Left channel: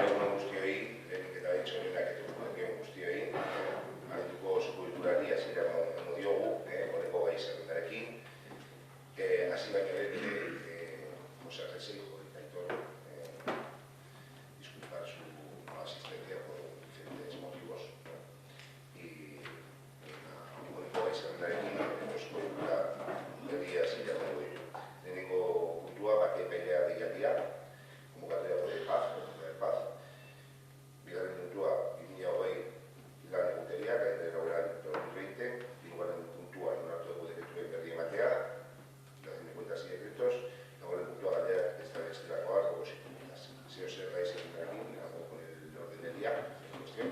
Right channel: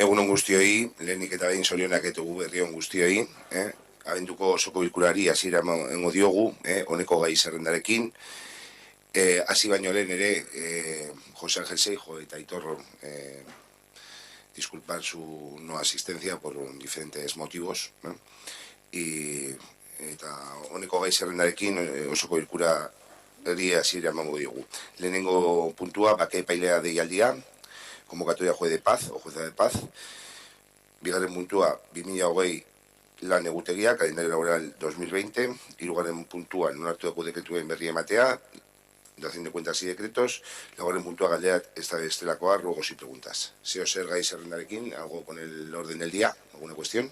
Egunon guztioi, lehenik eta behin zorionak etugu berrion guztioi. Abenduko osoko bilkurari hasiera emango diogu, honeko gai zerrendarekin. Hasi baino lehen ere, José Ángel Seijo eta Aitor disculpan su no asistencia por diferentes motivos. Eta honeko gai zerrendarekin osoko bilkurari hasiera emango diogu. Lehenengo puntua, bake epailea deialdia, convocatoria juez de paz o jueza de paz. Bigarren puntua, 2020 lan egutegia, calendario laboral 2020. Hirugarren puntua, non hartuko dekretuen berri ematea, dación de cuentas y decretos. Laugarren puntua, galdera estelakoa, ruegos y preguntas. Zeo zer gai zerrendarekin, algo con el orden del día, alguna cuestión.